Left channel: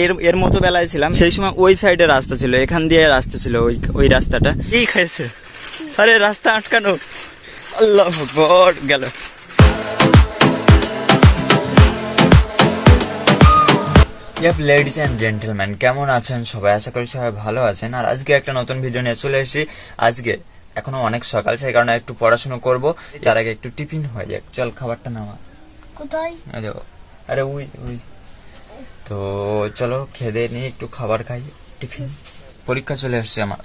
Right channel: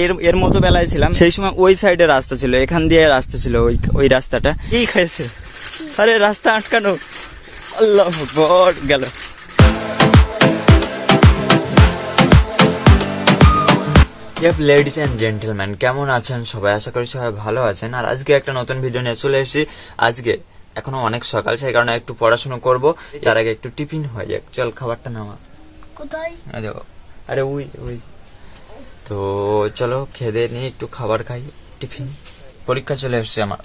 এর এর মতো বেলায় ছিলাম, সেই সময় ওই সাইডে রাস্তা ছিল, এখান দিয়ে রাস্তা ছিল, ওই রাস্তাটা এই খাইছে। আরে রাস্তা আটকানো, আল্লাহ আকবার, গেল। লেডিস এন্ড জেন্টলম্যান, কেমন আছেন সবাই? আশা করি সবাই ভালো আছেন। আর আজকে একটা নতুন ভিডিও নিয়ে চলে এসেছি। আজকে এখনো অনেক সকাল, সেই কারণে একটু পড়াশোনা করব, তার আগে একটু টিফিন হয়ে যাক। চল খাবারটা নামা। কোথায়? আরে ওই ওই তো চলো খেয়ে নিয়ে একটু খাবার খাই, টিফিন। পরীক্ষা চলে এসছে আমার।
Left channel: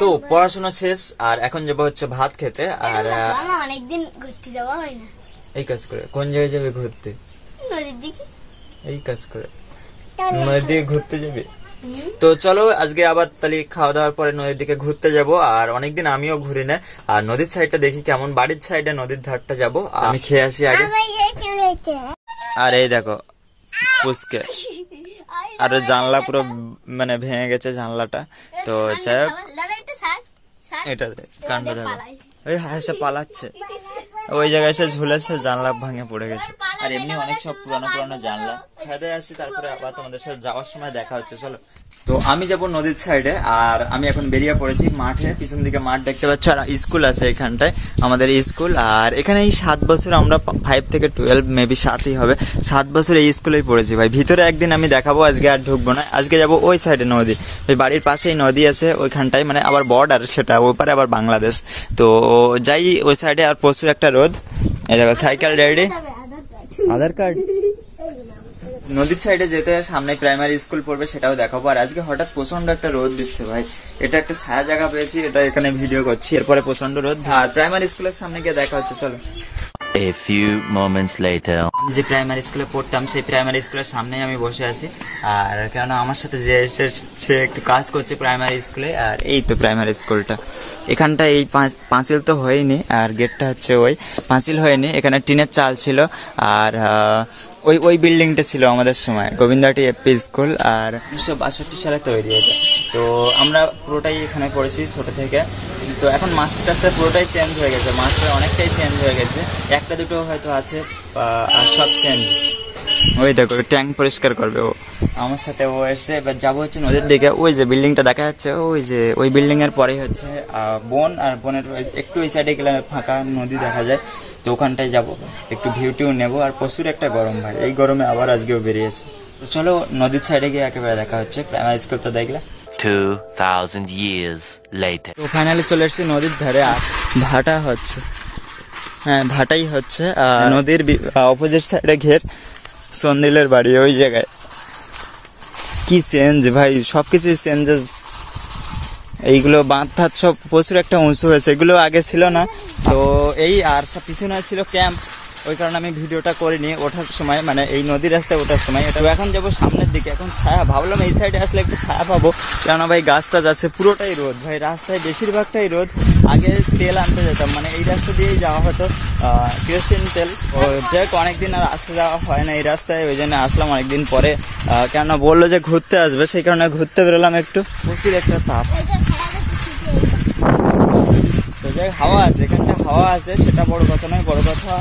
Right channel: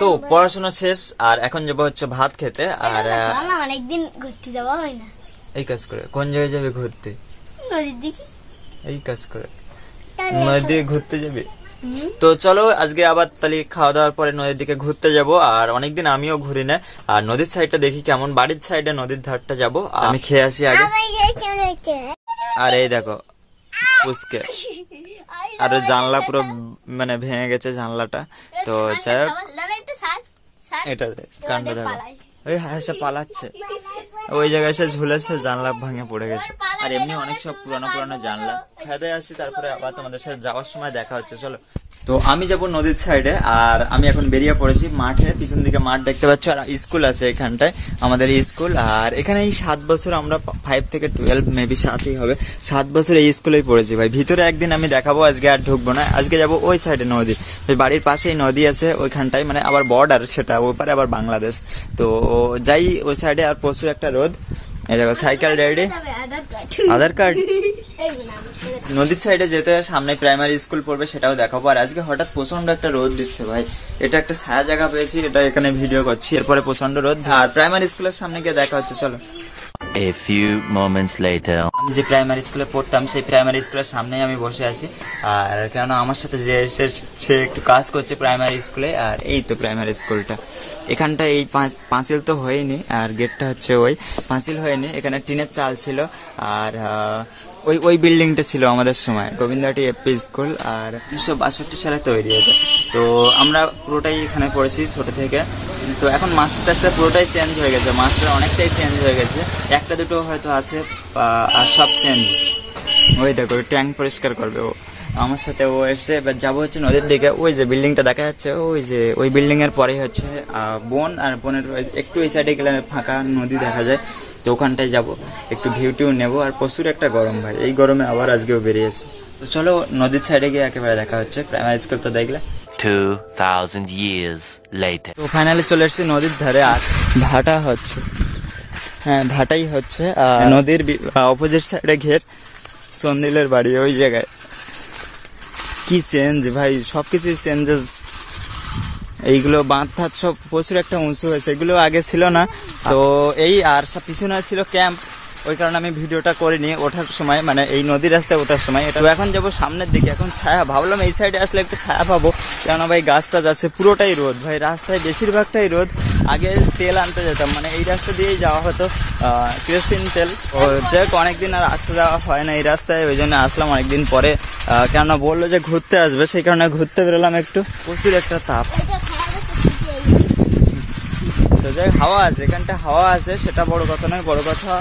তো পড়াশোনা শেষ, আর এখন যাবো হচ্ছে ভাত খেতে। আর অনেকদিন ঘুরতে যাওয়া হয় না। এই কাজ করে কোন জায়গায় যাবে ঘুরতে? নদীর দিকে। এই কাজ করে নদীর দিকে ঘুরতে যাবে? তো চলো আজকে আবার তাহলে খাওয়া দাওয়ার পরে নদীর দিকে ঘুরতে যাব। আর অনেকদিন আমিও ঘুরি না, আর নদীর সাইডটা দেখি কেমন। বাড়ির সাইডে নদীর ধারটা যাব, আমি খেয়ে আসি আগে। আর এই দেখো পুচকে, আর জানলা পুরো মানে ভেঙে গেছে জানলাটা। তো যাই হোক, এটা কাণ্ড দেখো, ওই হাসে পালাচ্ছে, ওই জায়গায় এসে ঝুলেছে, জানলা ভাঙে পড়ে গেছে। আর এমনি অনেক সব পুরানো পুরানো জানলা। খেতে আসি, তারপরে আবার তোমাদের সাথে যাওয়ার সময় দেখা হচ্ছে। চলো, তো আমি যাব নদীর সাইডে, আর আমি এখন বেরিয়ে পড়েছি মাঠে। পিছন দিকে মাঠ দেখতে পাচ্ছ, আর স্কুল আছে এখানটায়, আমাদের স্কুল। আর এখানে এই 7 বছর, আমরা 5 থেকে 12 মেবি 7ই হবে, 7 বছর এই স্কুলেই পড়েছি ভাই। ভিতরে একদিন আমি দেখাবো, আজকে আর ঢুকবো না। আজকে যাব ওই সাইডে নদী, ওই বাড়ির পাশেই নদী আছে ওইখানটায়, মানে আবার বর্ডার সেটা, ওই পারে আবার বাংলাদেশ। তো যাই ওই সাইডে। আর প্রচুর একটা রোদ, এই দেখো সাইকেল রেডি, আধার কার্ড। নদীর সাইডে যেতে সামনে প্রাইমারি স্কুল পড়বে, সেটাও দেখাবো। আর আজকে হঠাৎ প্রচন্ড একটা রোদ দিচ্ছে ভাই, এটা একটা ছায়া জায়গা পেয়েছি, এটা এখানে ভিডিও করছি। এরপরে প্রচন্ড রোদ, আর প্রাইমারি স্কুলের সামনে গিয়ে দেখা হচ্ছে। চলো। A few moments later. আমি যে প্রাইমারি স্কুলে পড়তাম, সেই প্রাইমারি স্কুলের সামনেই আমি বসে আছি। আর কেন আমার সাথে যে সে একটু কাজ করছে প্রাইমারি স্কুলে। আর এই তো প্রাইমারি স্কুলটা, এখানটা এই পাঁচিল তো হয়নি, আর গেটটা হচ্ছে ওই পাঁচিল হয়নি, এখানে টিনের চাল ছিল। আর ওই বিল্ডিংটা ছিল আমাদের সময় গোবিন্দাটি এপি স্কুল, আর 1962 সালে তৈরি এটা। তো আমরা পুরোটাই এখানে পড়েছি ছোট থেকে। তো এখন মাস্টার টাস্টার পুরোটাই চেঞ্জ হয়ে গেছে, মাস্টার অনেকটাই চেঞ্জ হয়ে গেছে, একটা দুটো হয়তো আছে, আর সব চেঞ্জ। ওই দেখো ট্যাঙ্ক পরিষ্কার করবে ও আমার সাথে, ও এসছে। এবার যাবো হচ্ছে নদীর দিকে। ওই যে বিল্ডিংটা দেখা যাচ্ছে, ওই যে ওই বিল্ডিং এর পরেই হচ্ছে বন, আর বনের একটু এই সাইডে গেলে ফাঁকা নদী দেখা যায়। তো ওখানটায় যাবো, একটু ভিউ টিউ নেবো। আর প্রচুর একটা গরম ভাই, এই গরমে আবার আজকেও বেরিয়েছে। তো চলো নদীর সাইডে গিয়ে একেবারে দেখা হচ্ছে। প্রাইমারি স্কুল তো দেখলে। 2000 years later. তো ফাইনালি চলে এসেছি নদীর ধারে, আর ভাটা হচ্ছে, হ্যাঁ ভাটাই হচ্ছে। নদীর অপোজিট সাইডে ঘের সন্দিলের বাড়ি, ওই জায়গায়। কি চেঞ্জ ভাই, সবকিছু চেঞ্জেস। এইগুলো বাঁধ ধাত সব প্রচুর একটা উঁচু হয়েছে, এগুলো আগে ছিল না। তো এই আর সব পিছনে ছিল ক্যাম্প, ওই কারণে আমি ভিডিওটা করিনি ওঠার সময়, মানে এই নদীর রাস্তায় ওঠার সময়। এটা এখন যাবো সামনের দিকে, এখন ছায়া, ভাবলাম এই সাইডে আসলে একটু ছায়া পাবো, কেননা ভাই গাছ টাছ আছে। পুরোটাই রোদ ভাই, রাস্তায় বেশিরভাগটাই রোদ। আগে তেল আনতে যেতাম, মানে এই রাস্তা দিয়েই যাওয়া হতো, কেরোসিন তেল। ও যাক অনেকদিন আর আসতে যাওয়া হয় না এই রাস্তায়, ওই জন্য আসলাম অনেকদিন পরে। কেননা বললো যে ঘুরতে আসবে, সেই কারণে ঘুরতে বেরোলাম একটু। প্রচুর একটা তাপ, হাওয়া আছে, এখানটা হাওয়া আছে, সেটা বড় কথা নয়। বড় কথা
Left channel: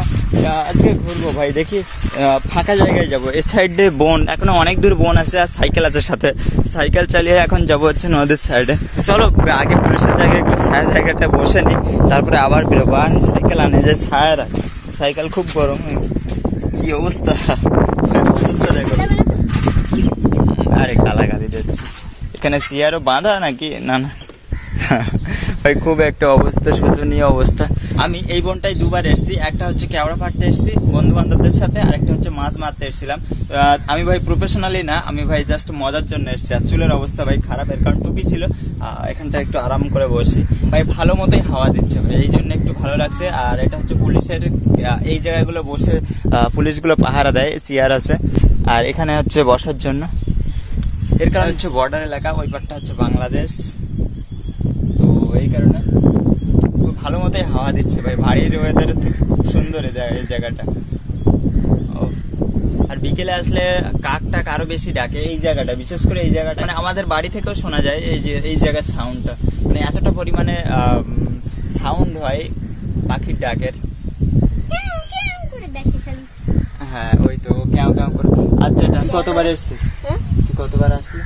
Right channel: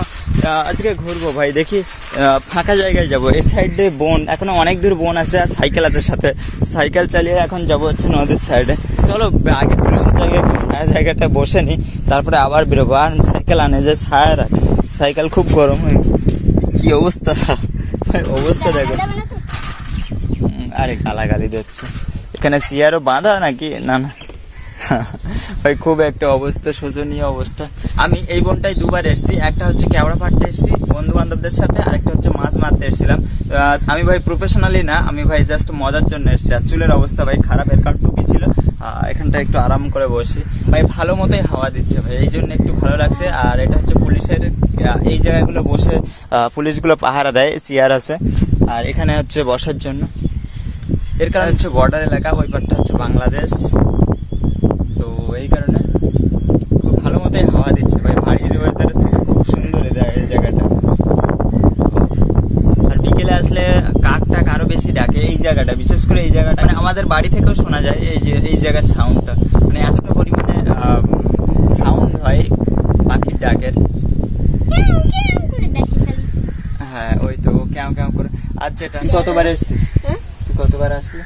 আজকে ঘুরবো ভাই, দেখি ফাঁকা জায়গায় যাবো। এ সাইডে বন, এখনো অনেক দূর বন আছে, আর সাইকেল আছে সাথে, সাইকেল চালিয়ে এখন যাবো হচ্ছে নদীর সাইডে। চলো আগে পুলিশের জায়গায় একটু ছায়া জায়গাটা বসে নি, তারপরে আবার বেরোবো। আর সাইকেল আনে যে ছায়া রাখে, সাইকেল খুব গরম হয়ে, কি অবস্থা, অবস্থা দেখো। আরে গালাগালি দিচ্ছে, এখানে চেয়ারও বাঁধা নাকি? না না ভাই, খুব একটা অবস্থা, শোচনীয় অবস্থা। আমি এই বনটায় দুবার এসেছি, একটা হচ্ছে কেওড়া পাড়তে এসেছি বন্ধু বান্ধবদের সাথে, আর একটা হচ্ছে মাছ মারতে এসেছিলাম। আমি ভাই প্রফেশনালি না, আমি ভাই জাস্ট মজার জন্য এসেছি। আর চুলের অবস্থা ভাই খারাপ, এর কারণ টুপি ছিল। এখানটা একটু আরাম করে বসি ভাই, ভালো মতোই হাওয়া দিচ্ছে ভাই, এই জন্য একটু ভালো লাগছে। আর এটা হচ্ছে পুলিশের এই জায়গাগুলো বসে পুলিশগুলো পাহারা দেয়, চেয়ার আছে। আর এখানে হচ্ছে বসার জন্য, এর কারণ হচ্ছে বর্ডার এলাকা, ওই পারটা হচ্ছে বাংলাদেশ। তো এই কারণে খুব ভালো মতোই হাওয়া দিচ্ছে ভাই, বাড়ির ওয়েদারের থেকে খুব সুন্দর এই জায়গাটা। আর বিকেলে আসলে কাক টাক আরো বেশি ডাকে এই জায়গাটা, বিশেষ করে এই জায়গাটা, মানে আমাদের বাড়ি থেকেও শোনা যায় এই যে এই জায়গার সাউন্ডটা, মানে এতটা পরিমাণে সাউন্ড হয় পাখির ডাকের। হ্যাঁ ওই তো কেউ কেউ করে। আচ্ছা এটা কতবার এসেছিস? হ্যাঁ? তুই কতবার আসলি?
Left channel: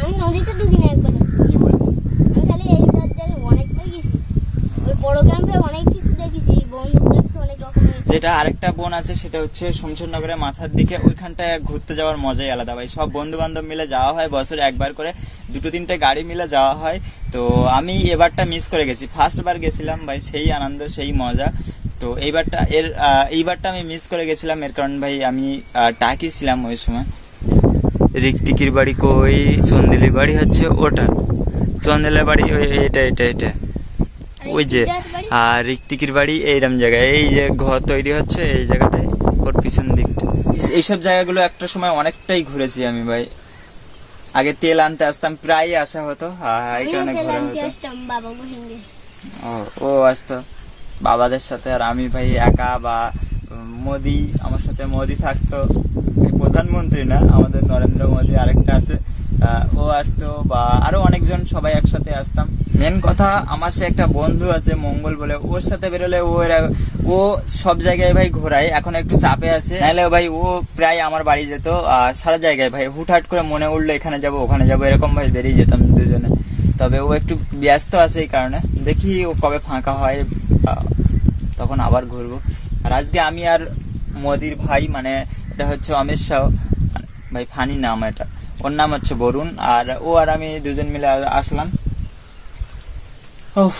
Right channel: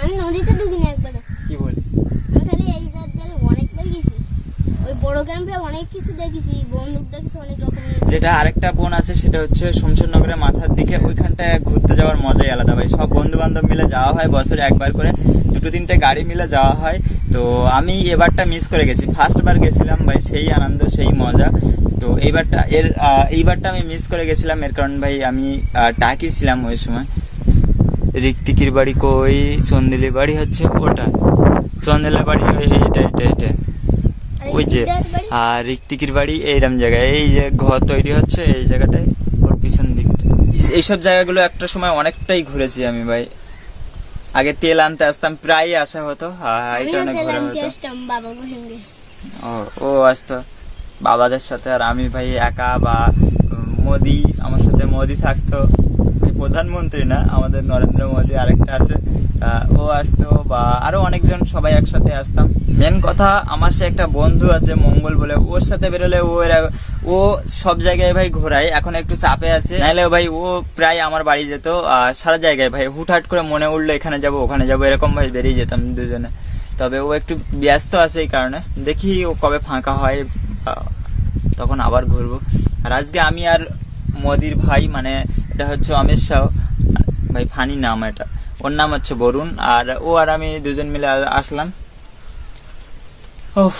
আমি নদীতে ঢুকিনি একবার। কি বলিস? আমি খালি এই জায়গায় অনেকবার গেছি। ওই বড় ক্যাম্পে অনেক কিছু দেখেছি, বন্দুক দেখেছি অনেক রকমের। যেটা আরেকটা বোন আছে সেটা হচ্ছে শমশেরনগরের মাথার দিকে, ওইখানটায় ঘুরতে যাওয়ার মজাই আলাদা ভাই। সব বন্ধু বান্ধব মিলে যাওয়া হয়, বছরে একবার করে 2-3টে গাড়ি মিলে যাওয়া হয়। তো আমি এবারটা মিস করে গেছি, ফার্স্ট বার গেছিলাম ভাই, সেই আনন্দ সেই মজা। তো এইবারটা আমি মিস করে গেছিলাম, এর কারণ ভাই আমি টাকি ছিলাম ওই সময়। রিকটিকির বাড়ি কই? চন্দিলির বাড়ি হচ্ছে ওটা, চন্দিলের বাড়ি এটা ওই যে। আর রিকটিকির বাড়ি এইরকম জায়গায়, এই যে ঘর তৈরি হচ্ছে এই জায়গাটায়, ওর পিছন দিকটা। এইসব জায়গাগুলো একটা সময় অনেকটাই ঘুরেছি আমি ভাই। আগে তেল আনতে আসতাম, প্রায় আসা হতো, এই কারণে ঘোরা হতো। ও আসতো বাবাদের সাথে, আর আমি ভাই একা, বা মোদি আমার সাথে, মোদি থাকতো, প্রধানমন্ত্রী না আমাদের নরেন্দ্র মোদি আরেকটা আছে, ও আসতো, বা আরো অনেকজন, সবাই একসাথে আসতাম। মেন কথা আমার সে একটা বন্ধু আছে মঙ্গল বলে, ওর সাথে বেরোলে ও সব জায়গায় ভাই ঘোরায়। এখন একটু চাপে আছে, নাহলে ভাই ও প্রায় আমার বাড়ি যেত, আর সারা জায়গায় ভাই হুটহাট করে মনে উঠলো এখানে যাবো ওখানে যাবো, এরকম ভাই বেরিয়ে যেতাম দুজনে। তবে ও একটু ব্যস্ত আছে, এই কারণে দেখি ও কবে ফাঁকা হয়, তখন আবার ঘুরবো। আর আজকে আমি আর মোদির ভাই, মানে এটা হচ্ছে অমিত শাহ ভাই, ফানি নাম এটা, ওর নাম হচ্ছে বরুণ, আর ও আর আমি দুজন মিলে আসলাম। উফ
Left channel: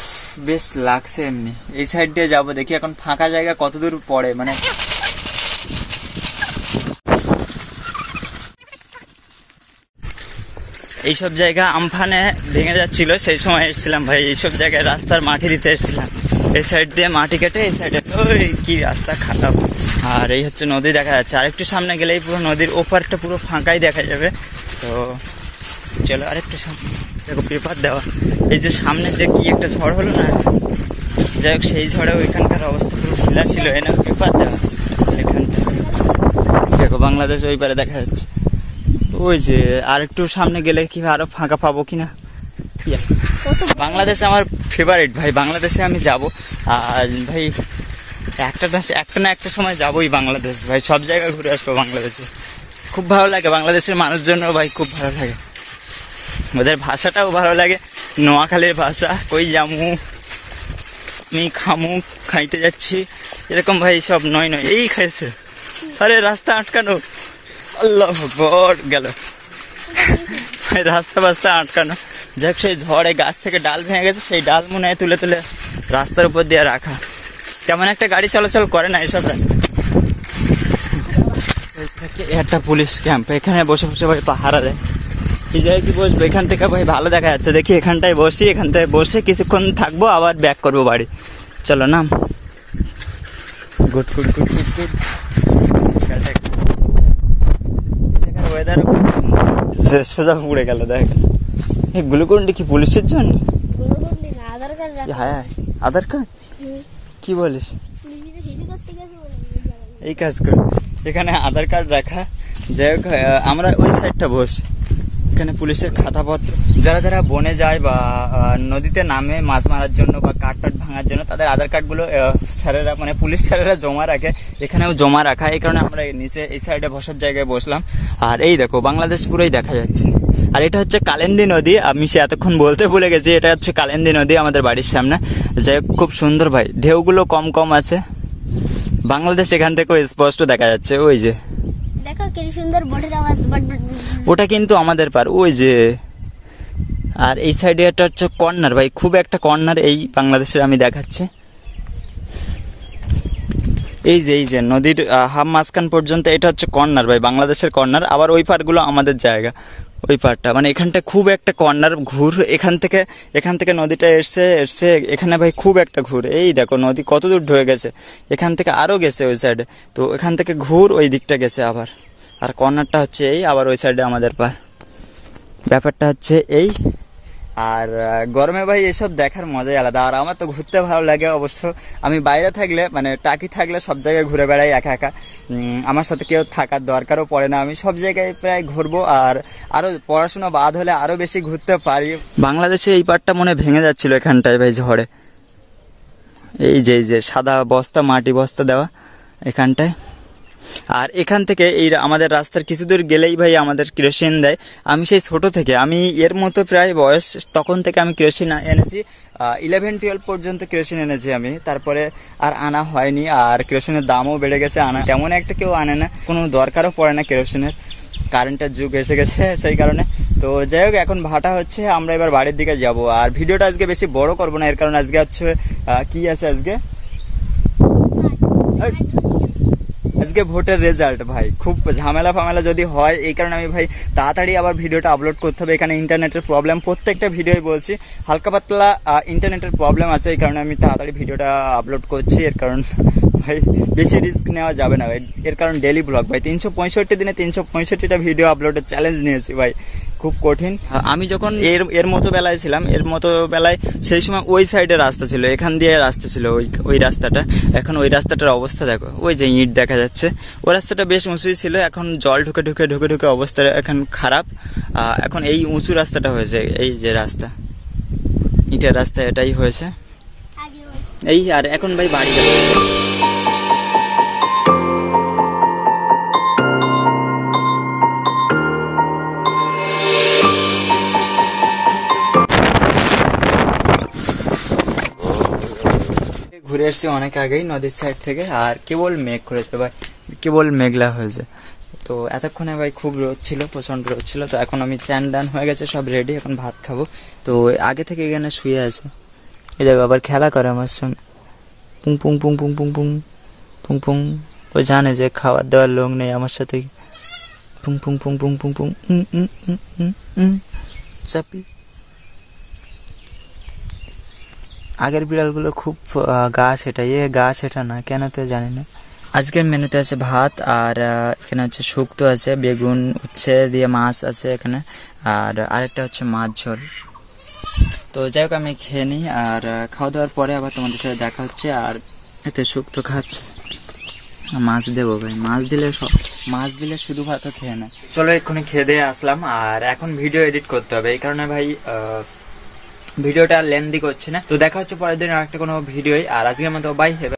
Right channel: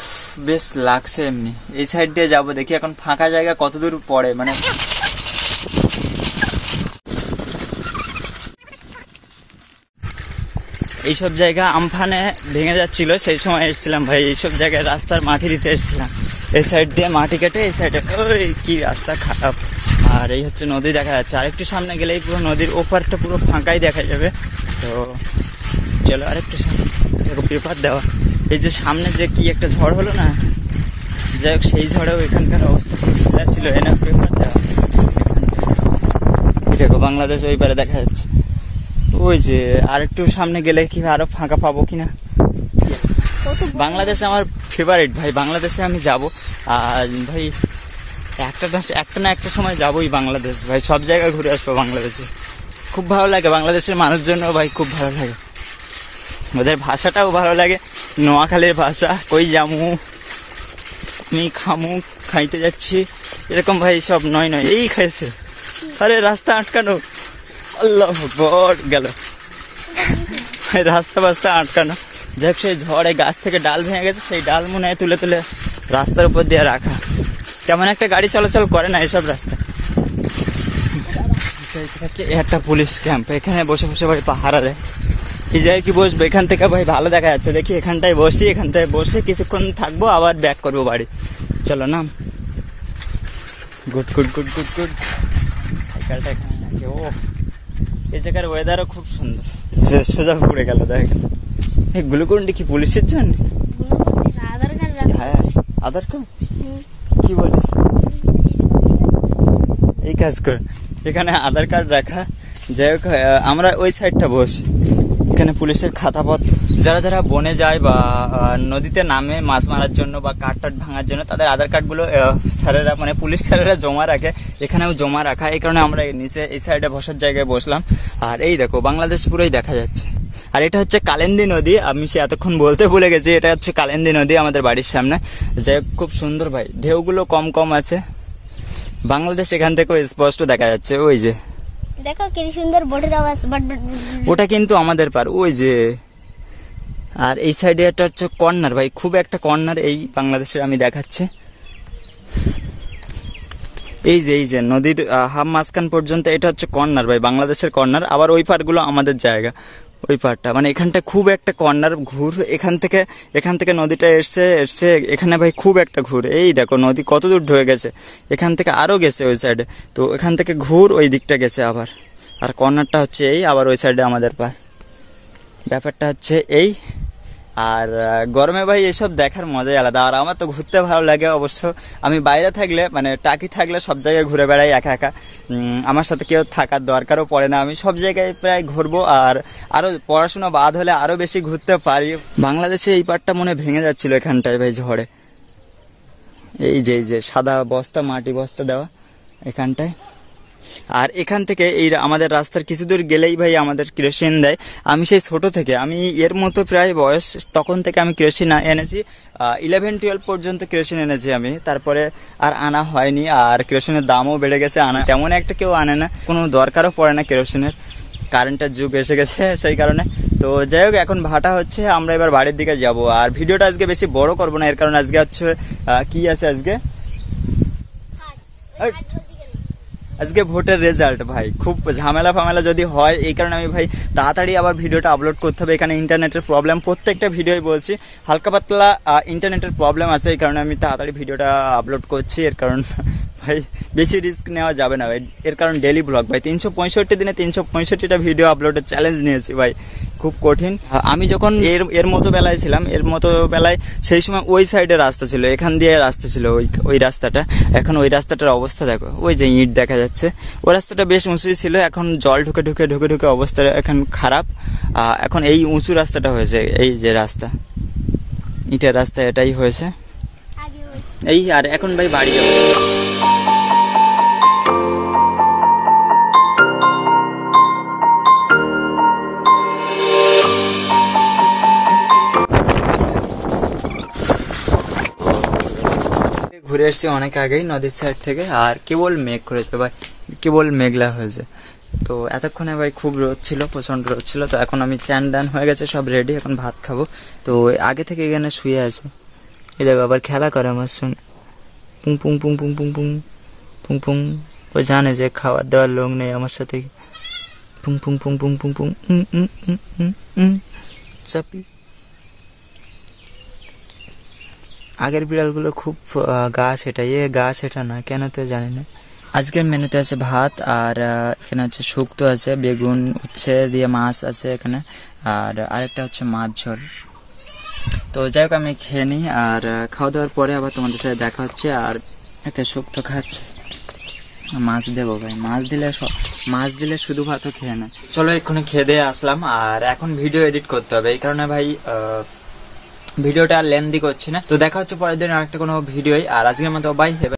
বেশ লাগছে এমনি। এই সাইড দিয়ে যাবো, দেখি এখন ফাঁকা জায়গা কতদূর পড়ে, মানে এইসব জায়গা আমফানে ভেঙে যাচ্ছিল, সেই সময় এসেছিলাম ভাই। এইসব জায়গায় রাস্তার মাটি দিতে এসেছিলাম, এই সাইড দিয়ে মাটি কেটে এই সাইডে। ওই কি রাস্তা খারাপ। আর এই হচ্ছে নদী দেখা যাচ্ছে, আরেকটু সামনে গেলেই পুরো নদীর ওপারটা পুরো ফাঁকাই দেখা যাবে। তো চলো আরেকটু সামনে, দেখো পেপার দেওয়া। এই যে সামনে যে কি একটা ঝড় হলো না, যাই হোক সেই ঝড়েও এখানকার অবস্থা পুরো ঢিলা ছিল, এনে পেপার দেওয়া। এখানটা দেখো বাংলাদেশ ওই পারে দেখা যাচ্ছে। ওই যে আর একটু সামনে গেলে কি আরো ফাঁকা পাবো কিনা। বাংলাদেশ আমার ফেভারিট ভাই, বাংলাদেশে আমি যাব। আর ভাই একটা না একটা সময় যাবোই বাংলাদেশ ভাই, সব জায়গায় ঘুরে আসবো বাংলাদেশে। খুব ভালো লাগে বাংলাদেশের মানুষজনও ভাই, খুব ভালো লাগে, ওদের ভাষাটাও ভালো লাগে, নোয়াখালীর ভাষা। কই জামু, আমি খামু, খাইতে যাচ্ছি, এরকম ভাই সব নয় এই খাইছে। আরে রাস্তা আটকানো, আল্লাহ গড গেল রাস্তা আটকানো। যাই হোক সেই ঝড়ে গাছ থেকে ডাল ভেঙে গেছে, সেই ডাল মনে হয় তুলে তুলে রাস্তার উপর দিয়ে রাখা। তেমন একটা গাড়ি চলাচল করে না এইসব রাস্তা। একটা পুলিশ ক্যাম্প, এখানে বসে বসে ভাই পাহারা দেয়। এই জায়গায় কি বসবো, এখান থেকে ভাই ভালো দেখা যাচ্ছে। দেখি এখানটায় বসি, এখান থেকে বসে কিছুক্ষণ থাকবো, আবার ব্যাক করবো বাড়ি। চলো নাম। Good good good good good. এই জায়গার ওয়েদারও খুব সুন্দর, সোজা পুড়ে গেল। দেখ এই গ্লুকন্ডি কি পুলিশের জন্য? হ্যাঁ আধার কার্ড, কি বলিস? এই কাজ করে এখানে আধার কার্ড রাখা। যাই হোক আমরা ওই সাইডটা বসি, এখানে পুলিশের খাতাপত্র। যারা যারা বনে যায় বা নদীতে নামে মাছ মারার জন্য বা কাঠ টাট ভাঙার জন্য, তাদের আধার কার্ডগুলো স্যারেরা, মানে পুলিশ স্যারেরা জমা রাখে, এখানেও জমা রাখা। এই কারণে আমরা নিচে এই সাইডে বসার জায়গায় বসলাম। আর এই দেখো বাংলাদেশ পুরোই দেখা যাচ্ছে। আর এটা হচ্ছে কালিন্দী নদী, আমি সে এতক্ষণ বলতে ভুলে গেছি, এটা হচ্ছে কালিন্দী নদী আমাদের বাড়ির সামনে। যাই হোক খুব সুন্দর ভাই, ঢেউগুলো কম কম আছে। বাংলাদেশ এখান থেকেও স্পষ্ট দেখা যাচ্ছে। ওই যে দেখো কি সুন্দর বোটের আওয়াজ, ওটা কিন্তু আমাদের পার, ওই যে। আর এই সাইডে একটা হচ্ছে কর্নার ভাই, খুব একটা কর্নার এই বাংলাদেশের আমি দেখাচ্ছি। এই যে নদীর হাফ মাঝখান পর্যন্ত এটা হচ্ছে কর্নার ভাই, বাংলাদেশের কর্নার। আবার ওই পারগুলো আমাদের জায়গা, ওই পারটা মানে এখানটা খুব একটা কর্নার ঘুর। এখান থেকে নদীটা এসছে এখানে ভাই খুব একটা ঘুর। এই দেখো নদী কত দূর ঢুকে গেছে, এখান থেকে আরো গেছে ওই সাইডে। তো এখান থেকে ঘুর ওই দিকটা গেছে আবার। আর কর্নারটা হচ্ছে এই, আবার ওই সাইডে আমাদের পার। ব্যাপারটা হচ্ছে এই। আর গরমে ভাই এসব দেখার মজাই আলাদা। আর আমার তো ঘুরতে ভালো লাগে অবশ্য। আমি বাইরে থাকলে, মানে টাকি থাকলে সব জায়গায় ঘুরে বেড়াই একা একা, আমার সাথে কেউ থাকার দরকারও পড়ে না। আমি সব জায়গায় প্রায় ঘুরবো, আর আরো পড়াশোনা বাদ হলে আরো বেশি ঘুরতে পারি। বাংলাদেশে এই পাটটা মনে ভেঙে যাচ্ছিল এখানটায় ভাই ঝড়ে। এই যে সাদা বস্তা, মাটি বস্তা দেওয়া এখানটায়। আর এখান থেকে এই আমাদের রাস্তার কিছু দূর গেলেই ভাই আমাদের কেরোসিন দেয়। আমি সেই ছোট থেকে, আমি এর মতো প্রায় বয়স, তখন থেকে আমি কেরোসিন এনেছি। 11-12 পর্যন্ত কেরোসিন এনেছি আমি, তারপরে আর আনা হয়নি। আর কেরোসিনের দামও বেড়ে গেছে, আনা তেমন একটা কেউ আনে না, কোনো দরকারও পড়ে না কেরোসিনের, কারেন্টের যুগ এসে গেছে সেই কারণে। তো যাই হোক, এখন ভাটা হচ্ছে, আমরা এবার বাড়ির দিকে যাব। আর ভিডিওটা আজকে বেশি বড় করবো না, এর কারণে আজকে হচ্ছে কি আছে আজকে ভোটের রেজাল্ট ভাই, খুব ঝামেলা ফামেলা যদি হয়, এই কারণে আমি ভাই তাড়াতাড়ি আবার ভিডিওটা আপলোড করতে হবে। এখানে ইন্টারনেটের প্রবলেম, প্রত্যেকটা ভিডিওই বলছি হালকা পাতলা ইন্টারনেটের প্রবলেম আছে, এই কারণে আমি তাড়াতাড়ি ভিডিওটা আপলোড করছি। এর কারণ ভাই বেশি রিস্ক নেওয়া যাবে না ভাই, এর কারণ ডেলি ব্লগ ভাই, 365 দিনে 365টা ভিডিও আপলোডের চ্যালেঞ্জ নিয়েছি ভাই, খুব কঠিন। আমি যখন এর মতো বেলায় ছিলাম, এর মতো বেলায় সেই সময় ওই সাইডে রাস্তা ছিল, এখান দিয়ে রাস্তা ছিল ওই রাস্তাটা। এখন ওই রাস্তাটার অবস্থা দেখো, ওই যে ইট দেখা যাচ্ছে, ওই রাস্তাটা বেশ উঁচুই ছিল, এখন জল ঢুকে ঢুকে ঢুকে ঢুকে অবস্থা এখন খারাপ। এখন এই উঁচু রাস্তাটা হয়েছে, এই যে রাস্তা, ইটের রাস্তা, এটাই হয়েছে এই। আর এখন ভাই বাড়ি যাবো। ঘুরে এসছি অনেক আগেই নদীর সাইড থেকে, আর কেবল মেঘ করেছে ভাই, কেবল মেঘলা হয়েছে। তো এতক্ষণে ভাই খুব রোদ ছিল, প্রচন্ড রোদ ছিল। তো এখন আমি চ্যান ডান হয়ে গেছে, সব রেডি, এখন ভাত খাবো। তো আগে থেকে এখানে শুয়ে আছে, এই দেখো আবার খেলা করে আমার সঙ্গে, পুং পুং পুং পুং পুং পুং পুং পুং। ও জানে যে খাবার দেওয়ার লোক নেই আমার সাথে, পুং পুং পুং পুং পুং পুং চাপি। আগের বিড়ালগুলো খুব গা সেটা, গা সেটা না কেন তো জানি না। আজকের মেনুতে আছে ভাত, আর এখানে হচ্ছে শুক্তো আছে, বেগুন উচ্ছে দিয়ে মাছ আছে এখানে, আর আরেকটা হচ্ছে মাছ ঝোল। তো যাই হোক, আমি খেয়ে নিই, আর খাওয়া দাওয়ার পরে আবার তোমাদের সাথে দেখা হচ্ছে। আর এতে শুক্তো খাচ্ছে, মাছ দেবো ভাই, মাছ দিলে শুধু ভাতও খেয়ে নেয়। চলো এক্ষুনি খেয়ে দিয়ে আসলাম, আর এখন ভিডিও এডিট করতে হবে, এই কারণে ভাই ভিডিওটা লেন্দি করছি না। তো দেখা হচ্ছে পরের দিন আরেকটা কোনো ভিডিওই। আর আজকের মতো বাই।